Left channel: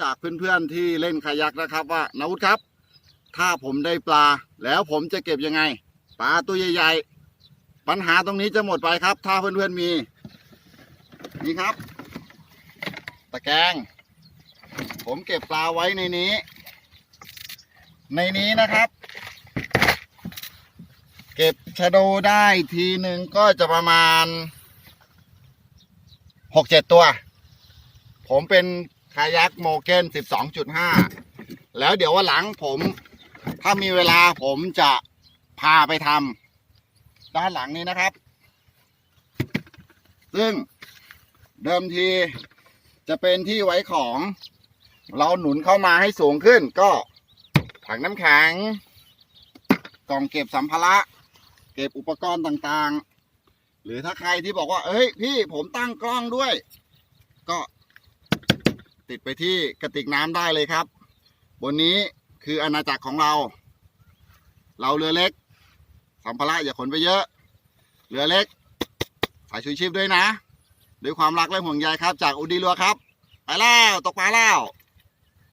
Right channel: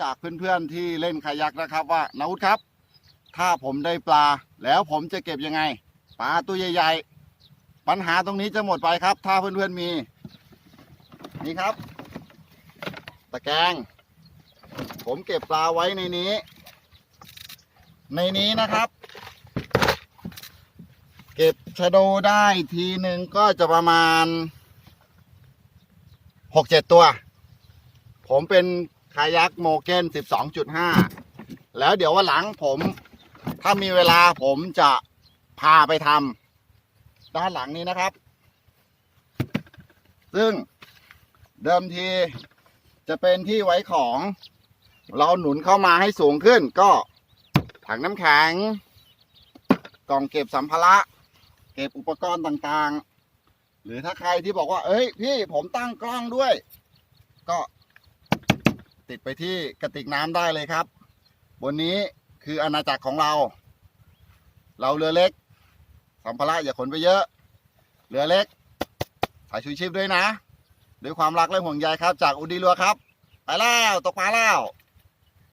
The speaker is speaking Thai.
จากเพื่อนๆที่เล่นคายักนะครับว่านาวุธครับ ถ้าผมได้ปลาแล้วผมจะเก็บยังไง ปลาตัวใหญ่ๆ ปัญหาตรงนี้จะหมดไปครับ ถ้าเพื่อนๆมี นี่ครับ ตะแกรงผมเก็บปลาไว้ในนี้ ในนี้นะครับ เก็บชะโดได้ทีหนึ่งก็จะประมาณหกเจ็ดตัว ผมเป็น คายักโมเกนสิบสองจุดห้าแล้วเดี๋ยววันหลังผม ถ้ามีเวลาผมจะพาไปทำด้านหลังนี้นะครับ ซึ่งเดิมทีจะเป็นที่ไว้ของ เราหนุนเข้ามาให้สูงขึ้น ก็ถังน้ำแข็ง กล่องเก็บสัมภาระ เก็บอุปกรณ์ต่างๆ หรือถ้าใครที่บอกว่า เอ้ย พี่ผมตั้งกล้องด้วย ก็ ติดไปที่กระติกน้ำได้เลยครับ บนนี้คืออาณาจักรของเรา เราเรือเล็ก สัมภาระอย่าขนไปเยอะ เรือเล็กใส่ชูชีพด้วยนะ ด้วยความรักและห่วงใยครับ จากอุดีรัวครับ ไปแล้ว ตกปลาแล้ว